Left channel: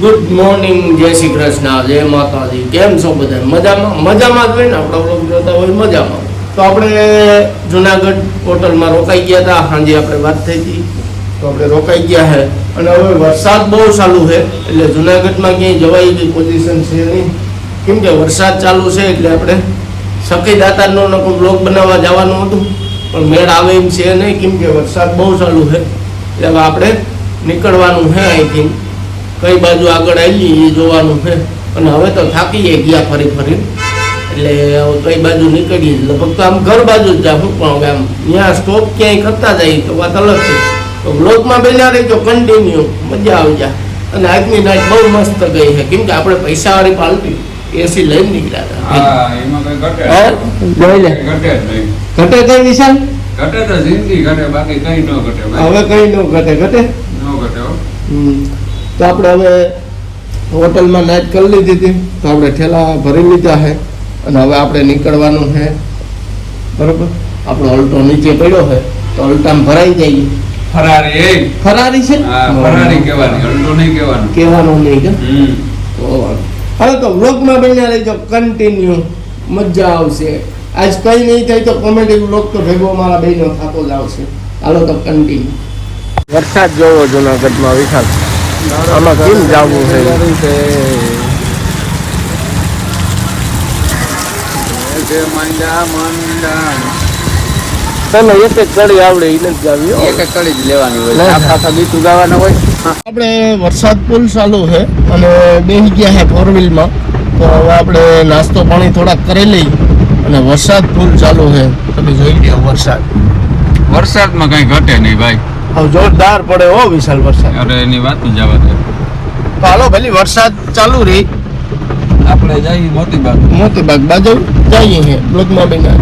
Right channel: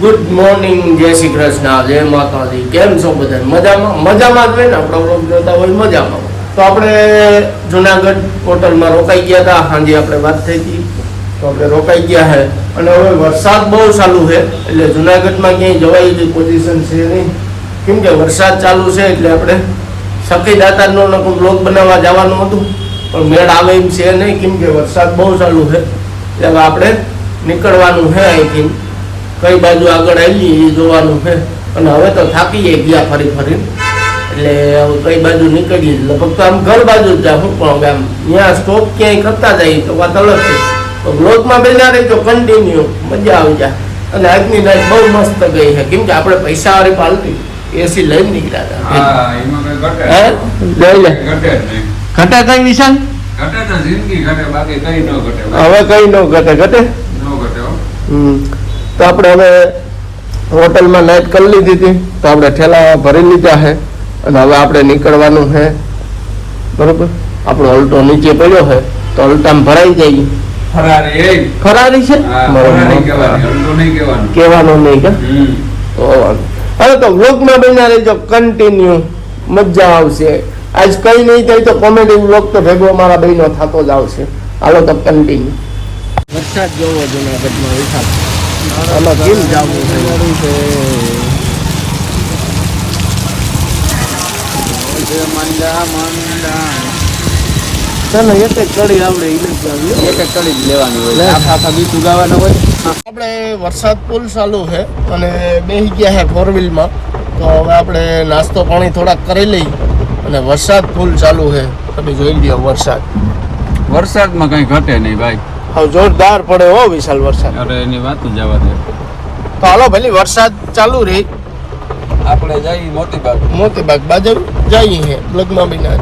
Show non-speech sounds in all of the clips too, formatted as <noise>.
Good morning જય શ્રી કૃષ્ણ, જય માતાજી. કેમ છો બધા? મજામાં? મજામાં જ હોય ને? આપણા જોતા હોય મજામાં. તો આપણે જુનાગઢ હોટલમાં રોકાઈ ગયા હતા. સાંજે આપણે વાત થઈ હતી. તો આપણે રોકાઈ ગયા છે અને હવે વરસાદ બહુ ચાલુ છે. એટલે જુનાગઢમાં ક્યાંય જવાય એવી પોઝિશન છે નહીં. કેમ કે વરસાદ ચાલુ છે એટલે આપણે સખી દાતારનો બ્લોગ બનાવવા જવાનું હતું. પણ મેળ આવે એમ છે નહીં. કેમ કે વરસાદ બહુ ચાલુ છે. એટલે આપણે નીકળવાનું છે અહીંથી. કઈ બાજુ આગળ આવી એ જોવાનું છે. અને હવે તો થાકીએ ગયા ફરી ફરી એટલે કઈ બાજુ નીકળીએ. લગભગ તો આમ ઘર બાજુ જ જાઉં પણ આમ ત્યાં સ્ટોપ ક્યાંય કરતા જઈએ તો વાત અલગ છે. તો બ્લોગમાં બેલા રહેજો કન્ટિન્યુ મજા આવી જાય અને આજની નાઈટ બહુ મસ્ત ગઈ છે. કેમ કે આપણે પૈસાવાળી પાલતી એસી લઈને નીકળ્યા હતા. ઘટે કઈ વિશાલ? ઘટે તો જિંદગી ઘટે બાકી કઈ ન ઘટે. હવે કઈ ન ઘટે ઘટે? ન ઘટે હમ. તો આપણે હવે હોટલમાં નાઇટ કરી લીધી હતી. તો આપણે ઠેલા ભરી લીધા છે. અને હવે આપણે નીકળવાનું છે. બરોબર? આપણો અલ્ટો નીચે પડ્યો છે. તો અલ્ટામાં ભરાઈ જાય. ફરારી ફરારી છે? કહેવાની નહીં કે? અરે તો વાંધો. હવે તો વ્લોગમાં બન્યા રહેજો કન્ટિન્યુ મજા આવશે. આજ કઈ નહીં થાય તો કોમેડી વ્લોગ તો ભેગો મારા બહેનો થતો જ આવશે. હાલો તો કન્ટિન્યુ વરસાદ જોવો જુનાગઢમાં વિશાલ. આમાં કેમ છે જે મંડા મંડા. તને એક એક કડી આવડે એને જ ગાવી એક એક કડી જ લેવાની હોય. આખા આખા ગીતું ગાવાના હોય. આપણે વરસાદ પુલ ચાલુ છે અને બેસી ગયા છે ફોર વ્હીલમાં તો હવે આપણે નાસ્તો પાણી થોડાક કરી લઈ અને વરસાદ પુલ ચાલુ છે. તમે જોઈ લો વરસાદ. વરસાદમાં કઈ ઘટે નહીં ભાઈ. જોરદાર પડે હો વિશાલ વરસાદ. અરે એની વાત જ જવા દે. ચાલો ભલે વરસાદ ચાલુ રહી. આપણે જઈએ મોતીબાગ મોતીબાગ બાજુ જઈએ બ્લોકમાં બેન. ના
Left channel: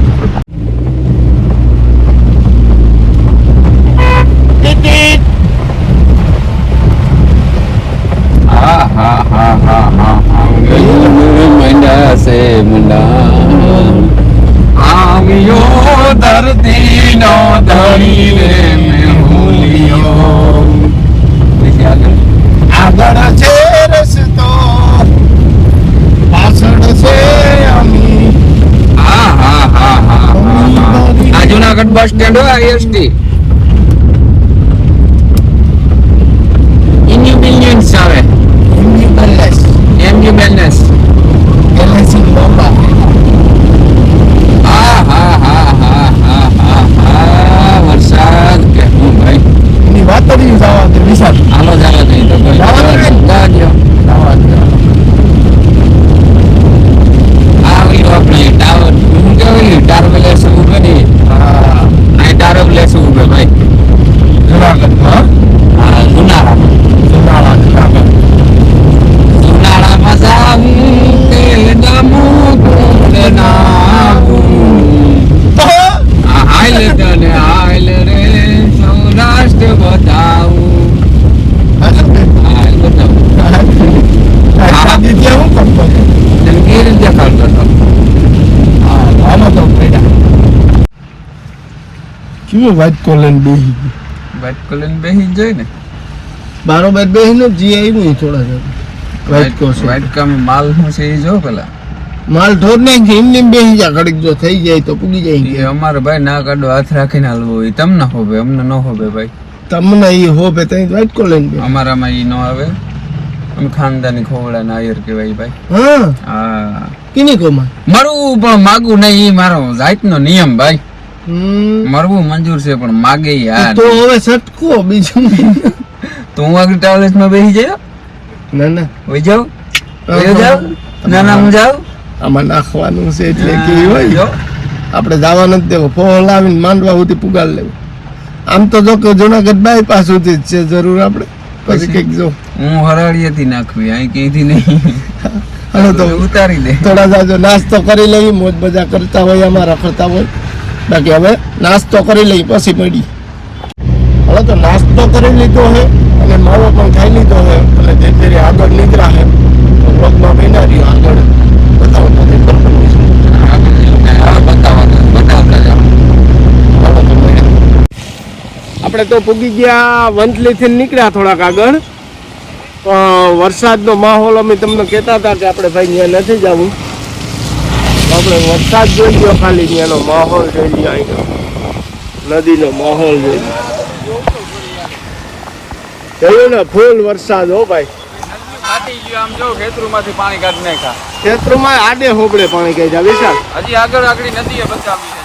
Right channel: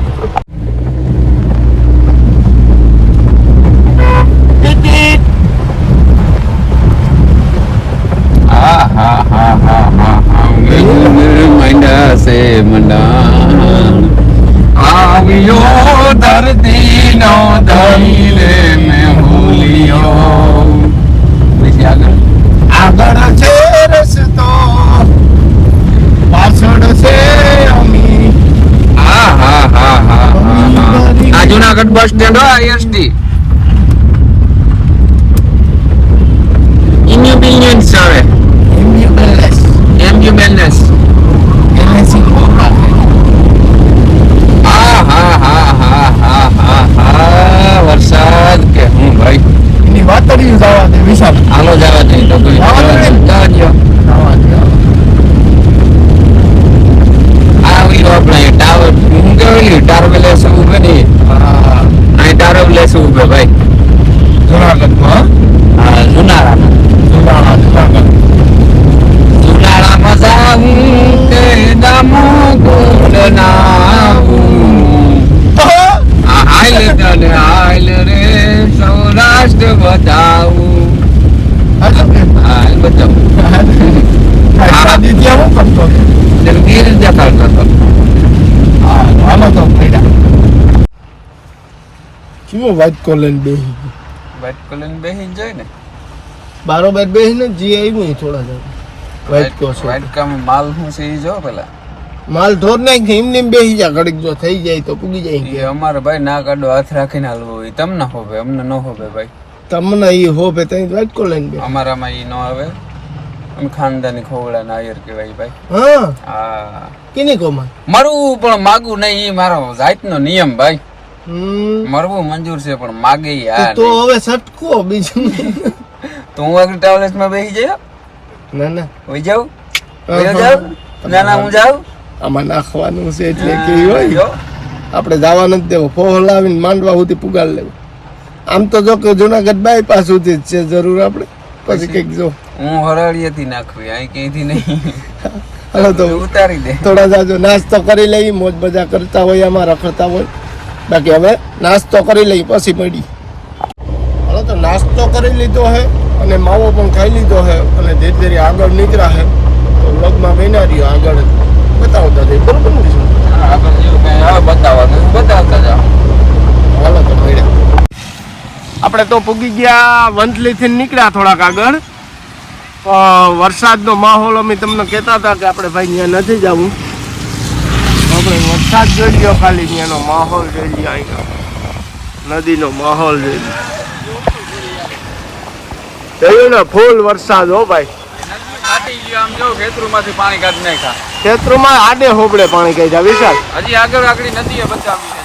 હા હા હા હા હા. મંડા આવ્યો ધરતી નો ધણી રે વાત કોલન બેહી. બાઈક કોલેજ બેસી જોઈ ને? બારોબાર બેહીને જી આવ્યું થોડા જણ. વાઇટ કોસ વાઇટ કામ માલ છે એ જો પેલા. માલ ઢોર નાખ એમને એમ બેહી જા ઘડીક જો થઈ જાય તો પૂગી જાય અમારે ભાઈ ના કાઢો હાથ રાખીને હાલવો હોય. તમને હોવે અમને ન હોવે ભાઈ. તમને એ હોવે તો વાઇટ કોલન બે અમારામાં એ ન આવે. અમે ખાનદાની ખોવડા ના આયર કહેવાય ભાઈ. હા. હા. કિની કોમાં મારું પણ માગું નહીં એ મારો જાતનો નિયમ ભાઈ. મરવું મંજૂર છે પણ માગે યાર. તો હવે સટકો બીજું. તો હું આગળ ટ્રાવેલ્સમાં બેસી જાય ના ના. હોય જાવ ના ના હું જાવ આમાં નાખવાનું છે એટલે કે હોય. આપણે જવા નથી દેવું. ફોન લાવીને માંડવા હોતી પુગાર લેવું. આમ તો જો કે જુનાગઢ બાયપાસ હોતી જ છે જરૂર આપણે. પછી કંઈક જો. હું હરાળીએથી નાખવી અહીં કીધી નહીં. તો ઉતારી દે. થોડા સાજો નાસ્તો કરી લઈ મોજ મજા કરતા હોય અમારા કરતા હોય. બાકી હવે નાસ્તો કરી લઈ પછી મળી હવે તો નાસ્તો કરી લીધો હે અને માવો પણ ખાઈ લીધો છે અને તે ફેરી આગળ નીકળ્યા હે તો બ્લોગમાં બેના રહ્યો આગળ. બતાવતા જઈએ. બરોબર આપણે તો પૂગી ગયા વંથલી થી નીકળ્યા થોડાક આગળ. વરસાદનો માહોલ અમે તમને કહેતા હતા કે આપણે ભાઈ ત્યાં નથી જવું. આપણે વરસાદ જોઈ લ્યો ખાલી ત્યાંનો માહોલ જોઈ લ્યો અહીંયા. નદીનો માહોલ જોઈ લ્યો જોયું ને ફૂલ વરસાદ હો ભાઈ. ખેતરોમાં આડે હોબળે પાણી કહી જાય વિશાલ. હજી આગળ આગળ નદી બચાવી છે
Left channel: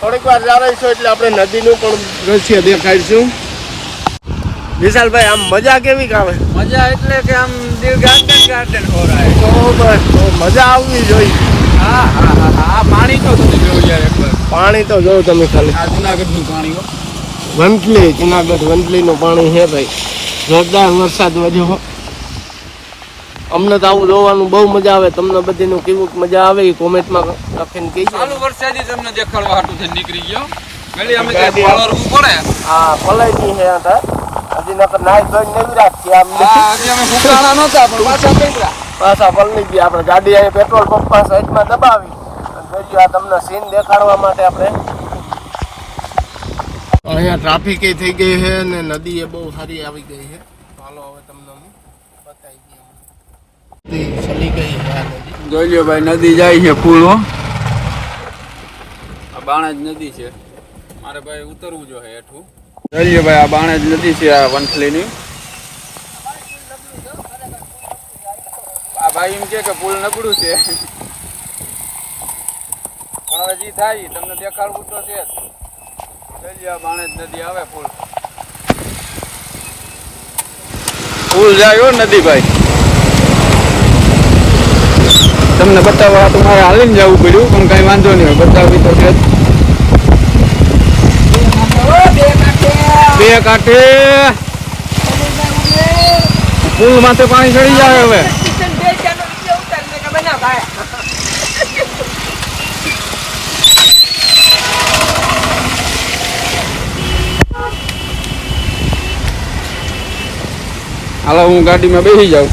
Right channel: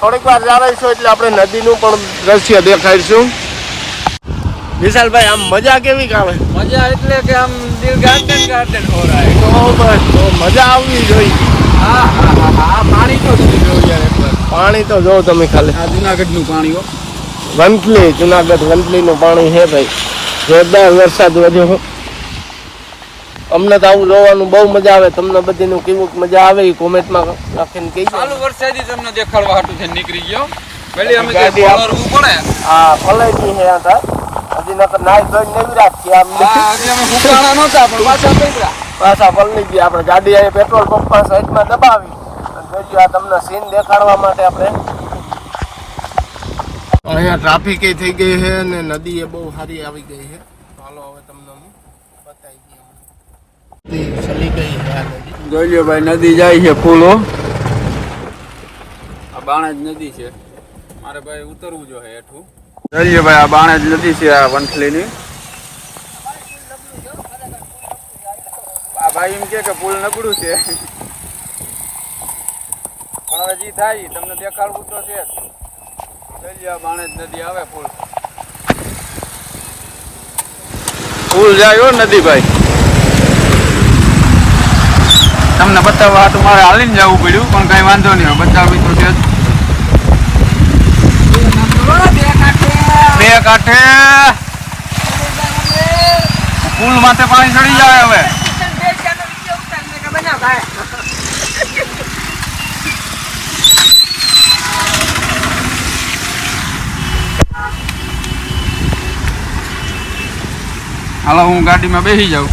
થોડીક વાર જાણીશું એટલે આપણે નદીનું પણ દ્રશ્ય દેખાડીશું. વિશાલભાઈ આમ મજા કેવી આવે? મજા એટલે કે આમ દિલ ગાર્ડન ગાર્ડન હો રહા હે તો બસ મજા આવવી જોઈએ. પાણી તો તમે જોયું યાર એકવાર પાણી તો જોવો તમે ખાલી. જુનાગઢનું પાણી હો. વંથલી જુનાગઢ વંથલીનું પાણી છે ભાઈ. જોરદાર વરસાદ વધ્યો અમને તો આવું જોવાનું બહુ મજા આવે. તમને બધીનું કેવું મજા આવે એ કોમેન્ટમાં લખીને કહી દો વરસાદી તમને દેખાડવા હાટું છે નીકળી ગયો. પેલી અમે પડે. હા પલાઈ છે આ. હજી નકર નાઈ ધોઈને નહીં રાખી આમ. અમે ફૂંકાણા નહોતા પણ પાછા પલળી ગયા. આપણે ગાડી અહીંયા પેટ્રોલ પંપ સાઈડમાં દબાવી. અને જોજો આ તમને સીન દેખાડવા માટે આપણે અહીંયા ટ્રાફિક થઈ ગઈ છે ને નદી એ બહુ સારી આવી ગઈ છે. ચાલો હવે તમને હું બતાવી દઈએ ચલી ગઈ જોઈ ભાઈ નદી જાય છે ફૂલો આ બાણા જ નદી છે. મારે ભાઈ ઉતરવું જોઈએ હેઠું. જોઈ લ્યો ભાઈ, આ બાણેજ નદી છે આ વંથલીની. આ ભાઈ એમ કે કે પુલ નબળું છે. પણ હવે જી થાય, તમને દેખાડવું તો છે જ. આ બાણે બાણેજ નદી આવે પુલ. પુલ જાય હો નદી ભાઈ. તમને બતાવવા મારે હાલીને જવું પડ્યું, પણ કઈ વાંધો નહીં બતાવી તો છે જ બે કાંઠે. પુલ માથે પાણી ચડી જાય હવે. હાલો હું ગાડીમાં બેસી જાઉં.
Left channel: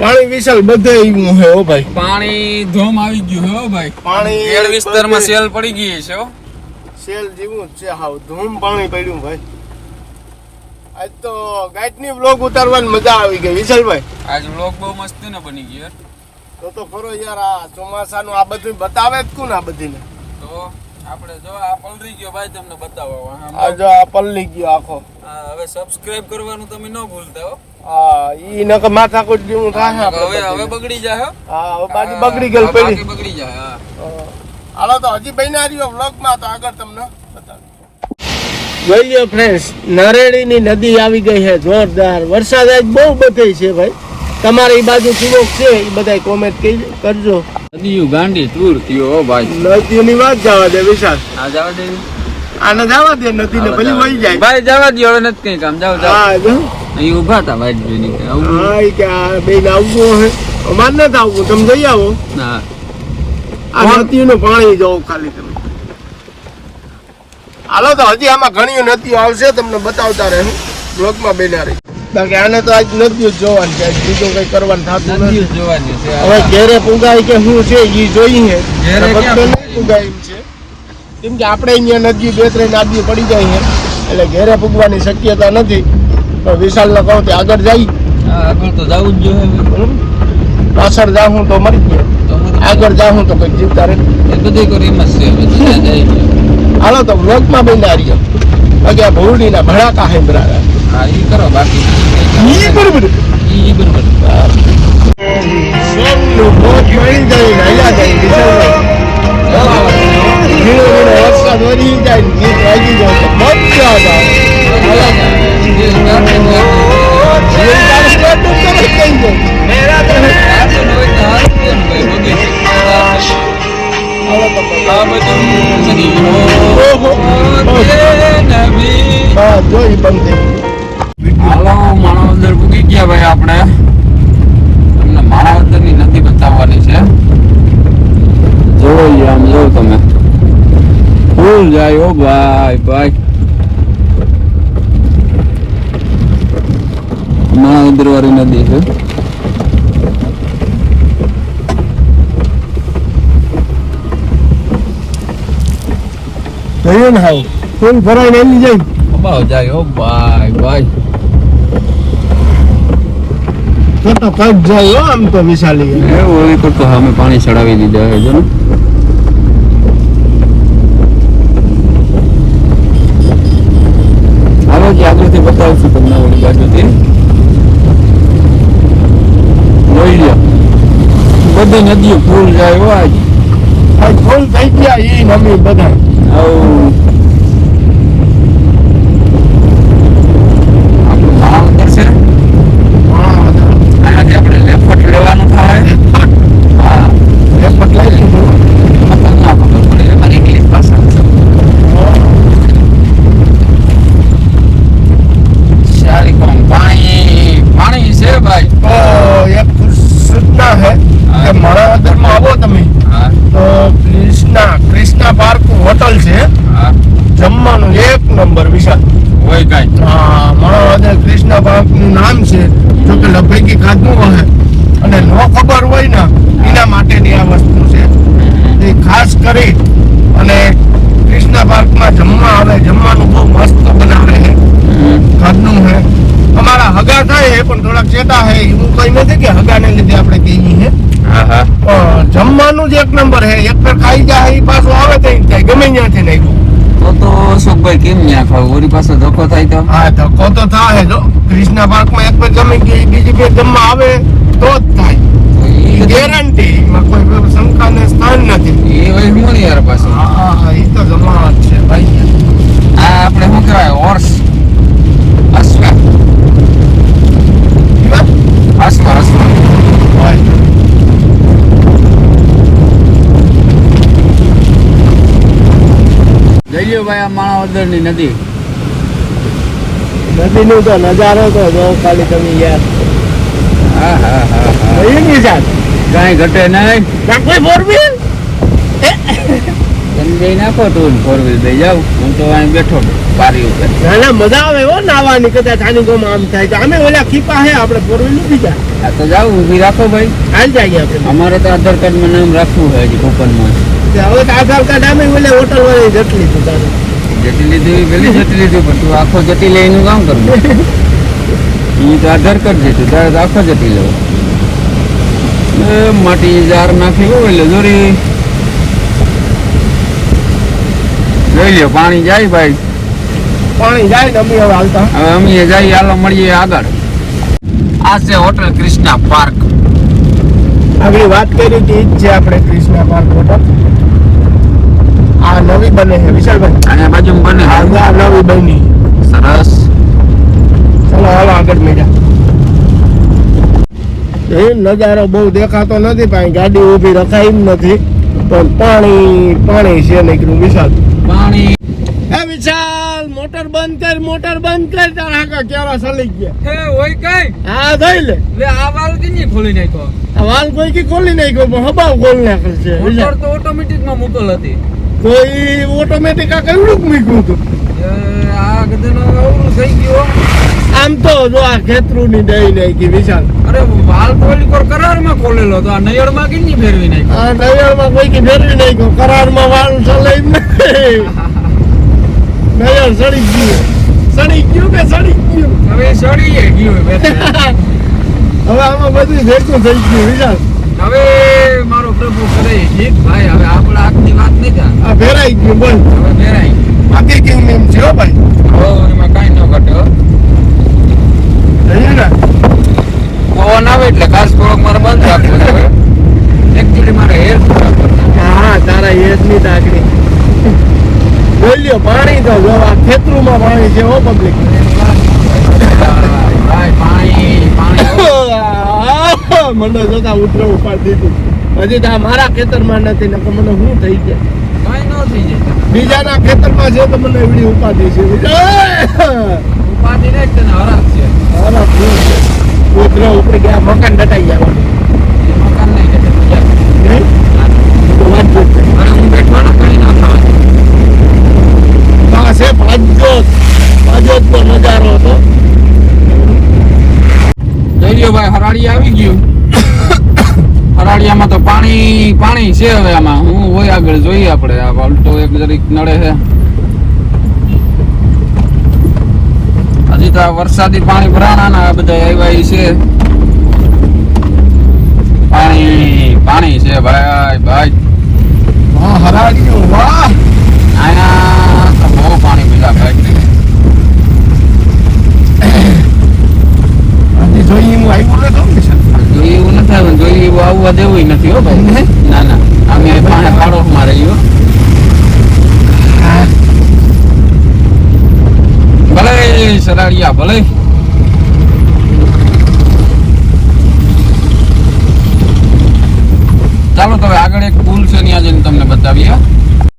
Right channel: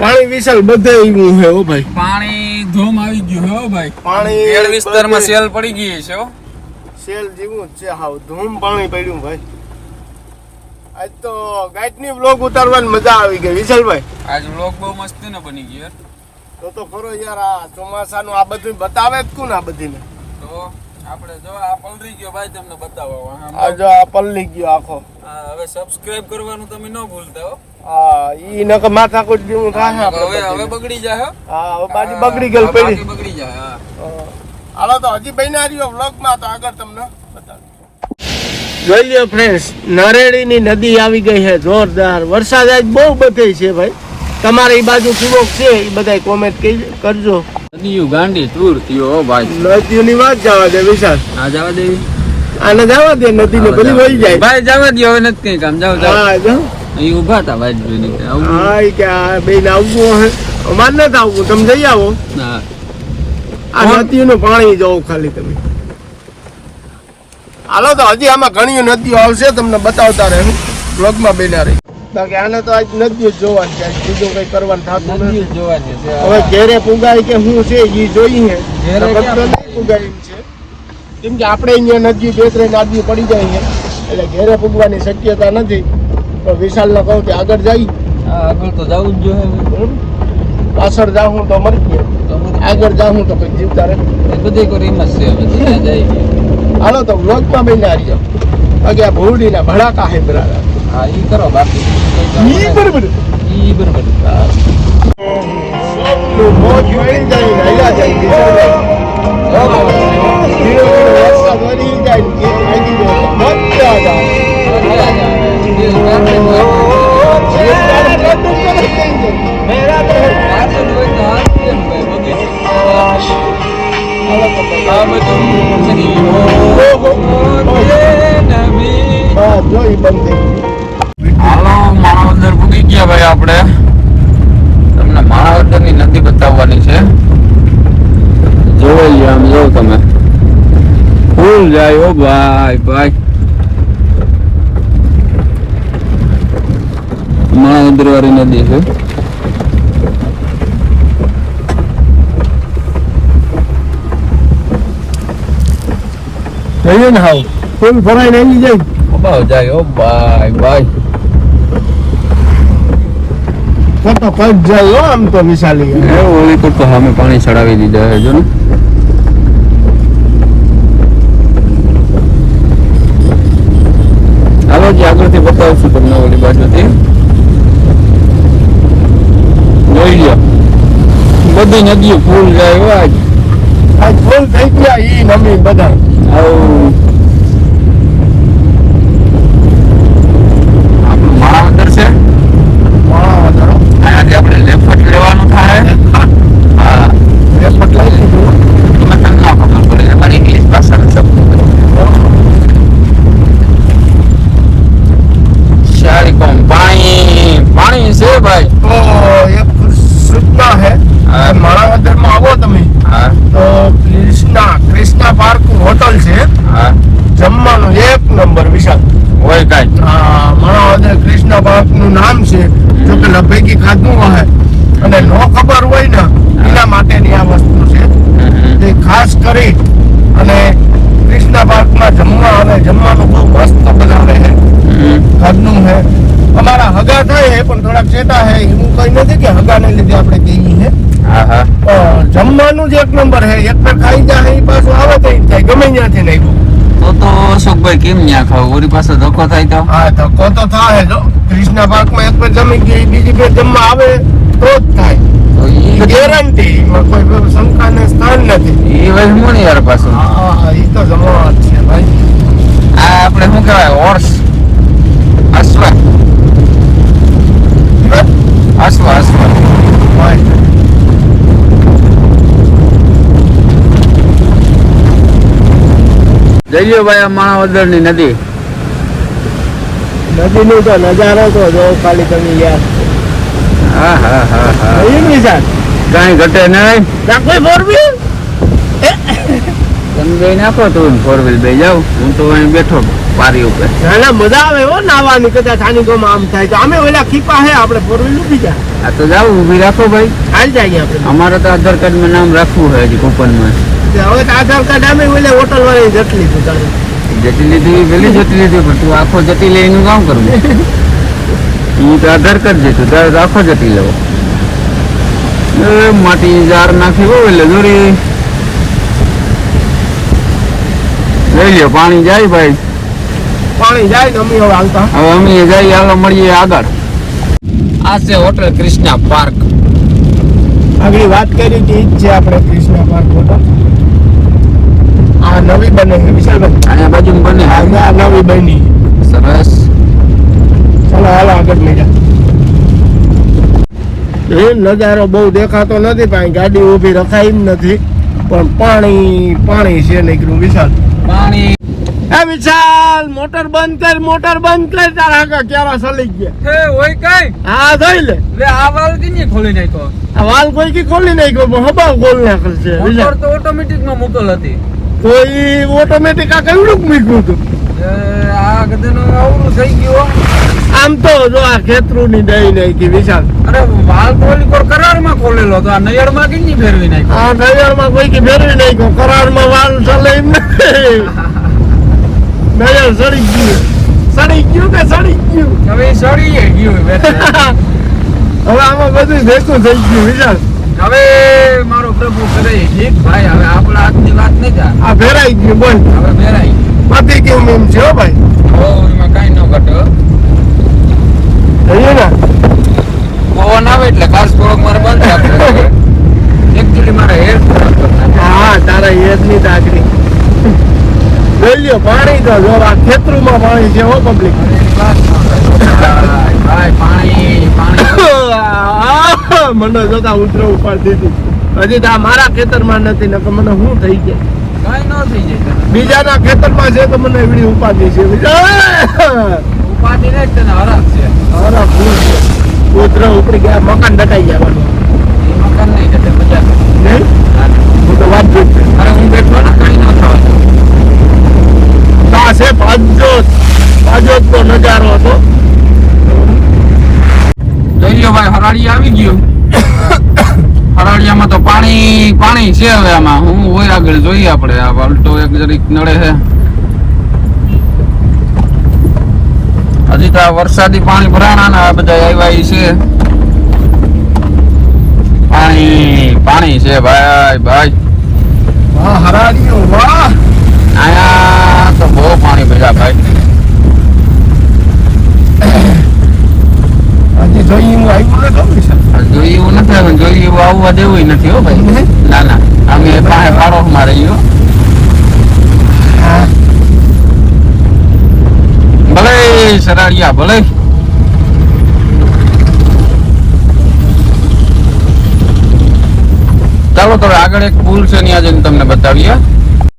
પાણી વિશાલ બધે આવ્યું છે હો ભાઈ. પાણી ધોમ આવી ગયું હો ભાઈ. પાણી વિસ્તારમાં સેલ પડી ગઈ છે હો. સેલ જેવું છે હાવ ધૂમ પાણી પડ્યું ભાઈ. આજ તો ગાઈડની વ્લોગ ઉતારવાની મજા આવી ગઈ વિશાલભાઈ. આજ વ્લોગ બહુ મસ્ત ને બની ગયો તો તો ખરો યાર આ ચોમાસાનું આ બધું બતાવે જ કોણ આ બધીને? તો આપણે જો આ પલરી ગયો ભાઈ તમને બતાવવા આ જો આ પલરી ગયો આખો. હવે સબસ્ક્રાઇબ કરવાનું તમે ન ભૂલતા હો. હા ઈ નક માથા કોટ દીવું થાય હવે હવે બગડી જાય હો. હા હવે બાજુ બગડી ગયેલ પડી. બગડી જાય હા. હાલો તો હજી રહ્યો વ્લોગમાં તો આગળ તમને. જોઈ લ્યો ફ્રેન્ડ્સ નરેડીની નદી આવી ગઈ છે જોરદાર. વરસાદ આજ બહુ બધે છે ભાઈ. તમારી બાજુ કેવો છે એ બધા કોમેન્ટ કરજો. નદીયું ગાંડી તૂર થયો ભાઈ. નદીઓની વાત જવા દે વિશાલ. આ જવા દે. આને જવા દે નદીને ભલી વહી જાય. ભાઈ જવા દે હવે નથી કઈ કામ. જાવ જાવ હા જો અહીં ઊભા હતા ભાઈ જોઈને હા એ કે આ બેન આવવું હે. અમાર નથી આવવું તમે જઈ આવો. ના. આ? નદીઓનું પાણી જોવો ખાલી તમે. હાલો તો હજી આમાં ઘણી નદીઓ આવશે તમને બતાવતા રહે બ્લોગમાં બેના રહી. બાકી આને તો આજ નદીઓ જોવાની છે બીજું કઈ કરવાનું થતું નથી. જોવાની છે. હવે ઘેરે પુગાય કે શું છે એ જોઈએ પુગાય? છે. કેમ કે આપણે અહીંયા નદી બે ત્રણ નદીઓ પડી જાય છે એટલે ઘેરે પૂગવાની શક્યતા નથી. પણ વિશાલને કહું તે આગળ જાય. આગળ તો જવું જ જોઈએ. પાછળ જાઉં તો મરી ગયો આગળ જાઉં તો કઈ જીવતા રહે. એ બધી કરી એમ જ છે જાય. હાલો તો વ્લોગમાં બન્યા રહ્યો બાકી આ ભૂડીના ભડાકા હે બરાબર હા એ કરો બાકી ઈ કઈ ઈ નહીં. Thank ઈ બરોબર હાલો માણાવદર પૂગી ગયા ભાઈ આપણે. તમને માણાવદરની નદી બતાવવાની છે. જોવો આમ જો તમે. ફૂલ જાય ઓ ભાઈ ભાઈ. માણાવદર વાળી નદી છે. જોયું ને હાવ. ફૂલ ભરાઈને આવી જાય. ભાવ જાય ઓ ભાઈ ભાઈ ફોટો કટ જાય હો આમ તો વિશાલી એ ઓલી પર તો સામે પાણી ચડાવી દીધા છે જો ને હવે જે આગળથી બતાવશું તમને ઓલી બાજુથી જોઈ લ્યો બધી નદીઓ ફૂલ જાય એવા જ આજ ફૂલ થઈ ગયા ઈ નમી બધા આવું આપણું માણાવદર છે અહીંયાથી આપણે લેફ્ટ લેવાનું થાય હા રેપટ લઈ લીધું મતલબ ના ખબર પડે અમારી ઇંગ્લિશ ભાષાનો શબ્દ સારી કોણ પાણી પાણી છે ભાઈ તો એક સૂચના है હા. કે માણાવદરમાં આવો તમે હા તો કૃષ્ણા કૃષ્ણા પાર્ક હોટલ છે હા જમવાનું એક નંબર વિશાલ હોય કાંઈ આ માણાવદર કૃષ્ણા પાર્કનું નામ છે જો કે લભેકી ખાધું હોય અને નો ખબર હોય ને એના માટેની આ વસ્તુ છે. એ ખાસ કરી અને કૃષ્ણ પાર્કમાં જમવા આવે જમવાનું બહુ મસ્ત બનાવે છે. ઘરનું છે. અમારા હગા થાય છે પણ થોડાક ચેતા છે. એવું કઈ નથી કે હગાને લીધે આપણે કહીએ છે જમવાનું જ એક નંબર છે. એક પર ખાઈ જાય પાછું આવે તો થાય. ગમે ત્યાંથી નહીં અશોકભાઈ કેમ ન્યા ખાવ ઓરી પાસે ધક્કો થાય તો હા ધક્કો તો થાય જો કૃષ્ણા પાર્કમાં એક પર જમી ગઈ બીજી પર જમવા આવે તો જ થાય. ગેરંટી એમાં કોઈ શંકાને સ્થાન નથી. ઈ ભાઈ હું યાર પાછું. હા હા એ તો જમવા જ છે ભાઈ. આ આપણે શું કહેવાય હોર્સ અશ્વ અશ્વ હોય. જઈએ ભાઈ આ માણાવદરની નદી. નદીની તો નજારો તો જો ખાલી તમે યાર હા હા હા હા. કઈ ઘટે નહીં કોઈ તમે જઈ નાખો તું ફોર વ્હીલ બે જાવ હું તો અહીં બેઠો બારી ઉપર. ના મજા આવે હો નાવાની કદાચ આની ગમ આમ થાય તો. અમે ઓલા ખીપા હે આપણે ફોર વ્હીલ નથી જા આ તો જાવ ઊભી રાખો ભાઈ. હાલ જઈએ આપણે. અમારે તો આધાર કાર્ડમાં નામ રાખવું હોય હજી કૂપનમાં. તે હવે આધાર કાર્ડ અમે ઓલે હોટલ વાળી જટલી તું તારે. જતી લીધી એ પેલી લીધી પણ તું આખો જતી લઈને કામ કરું. ઈ તો આધાર કાર્ડ છે તારે આખો જતી લેવો માટી જાર નાખી હોય એટલે જોરી લઈ લ્યો પાણી જાય ભાઈ. પાણી જાય અમે હવે હાલતા. હવે અમે જઈએ હાલો મળીએ આગળ. આ છે હોટલ કૃષ્ણા પાર્ક. આગળ વાત કરી હતી છે આપણે કૃષ્ણા પાર્ક હોટલ. આ નવી બને છે વિશાલભાઈ. અને બાજુ બને આ નવી બની. સરસ. ચાલો હાલો આગળ મેળા એ નજારો બહુ દેખાતો નથી પણ ગાડી ઊભી રખાઈ નથી. પણ પાણી પાણી છે નીકળ્યું વિશાલ. પાણી. એ વિશાલ મોટર બંધ કર મોટર બંધ કર તારા આગળ ક્યારે સલી ગયા એ હોય કઈ? હા જોઈ લે. લે આ વાલ કિની ખોલી નાખ્યો? આ વાલ કોઈ કી ખોલી નાખ્યો ગયો હબા ખોલી નાખેલ છે મોટર તો ઓટોમેટિકમાં મૂકેલ હતી. કોઈ ઓટોમેટિક આ કેવડું મૂક્યું હતું? આ ગધેનો અવરું થઈ ગયું આમ તો જો આ ખેતરું ની દઈ કે વિશાલ. અરે વાલ કોલી કોર કરારમાં ખોલેલો તો આ નયરમાં કિની ફેરવી નાખ્યો આ નયરમાં કોઈ કે ફેરવી નહીં કરાર કરારમાં વાલ ચાલે એમ નયર <laughs> સડી ગયું સડી ગયું કે સડી ગયું? હવે સડી ગયું. <laughs> હવે આમાં બધું ભેગું થઈ ગયું વિચાર હવે મારો પ્રભુ કરે ગીત ભાઈ હવે આપણા હાથની વાત નહીં થાય. આ ભેરાઈ ગયું બોલ. હવે મેરાઈ પતી કેવું એમ છે ભાઈ. હવે એમાં કાંઈ ન ઘટે જઈએ ને. પવન આવે એટલે ખાસ થોડોક મારે બંધ રાખજો એકચ્યુઅલી મારે હેર હા તારા ટાકરી જોઈ લ્યો પાણી તો જો આ ખેતરુમાં પાણી છે હો પબ્લિક ભાઈ પાણી પાણી. <laughs> મને જોતા ઉતરો ઉપર દીધું. હજી તો આ મારા ખેતરમાં નથી ને મને શું થઈ જાય? કાંઈ ન થઈ જાય. બીજાના ખેતરમાં છે તો મને એવડી ઉપાધિ છે. ઉપાધિ નહીં તને હરાશ છે. ઉતરો ઉપડી ગયા મકાન દટાઈ જવાનું. મકાન નહીં જતે બજાર. વાત છે. મારા હું બેઠવાના કઈ કાંઈ ન થવાનું. નહીં, છે હવે આમાં. હું હોય આગળ જોઈએ આપણે. આ વાલટો એક જરીક નડે છે. હજી તો આ વરસાદી પાણી ભરાણા ને આ બધા આવ્યા છે. પાણી પાણી છે ભાઈ ભાઈ. હરાજી વાહ! ચાલો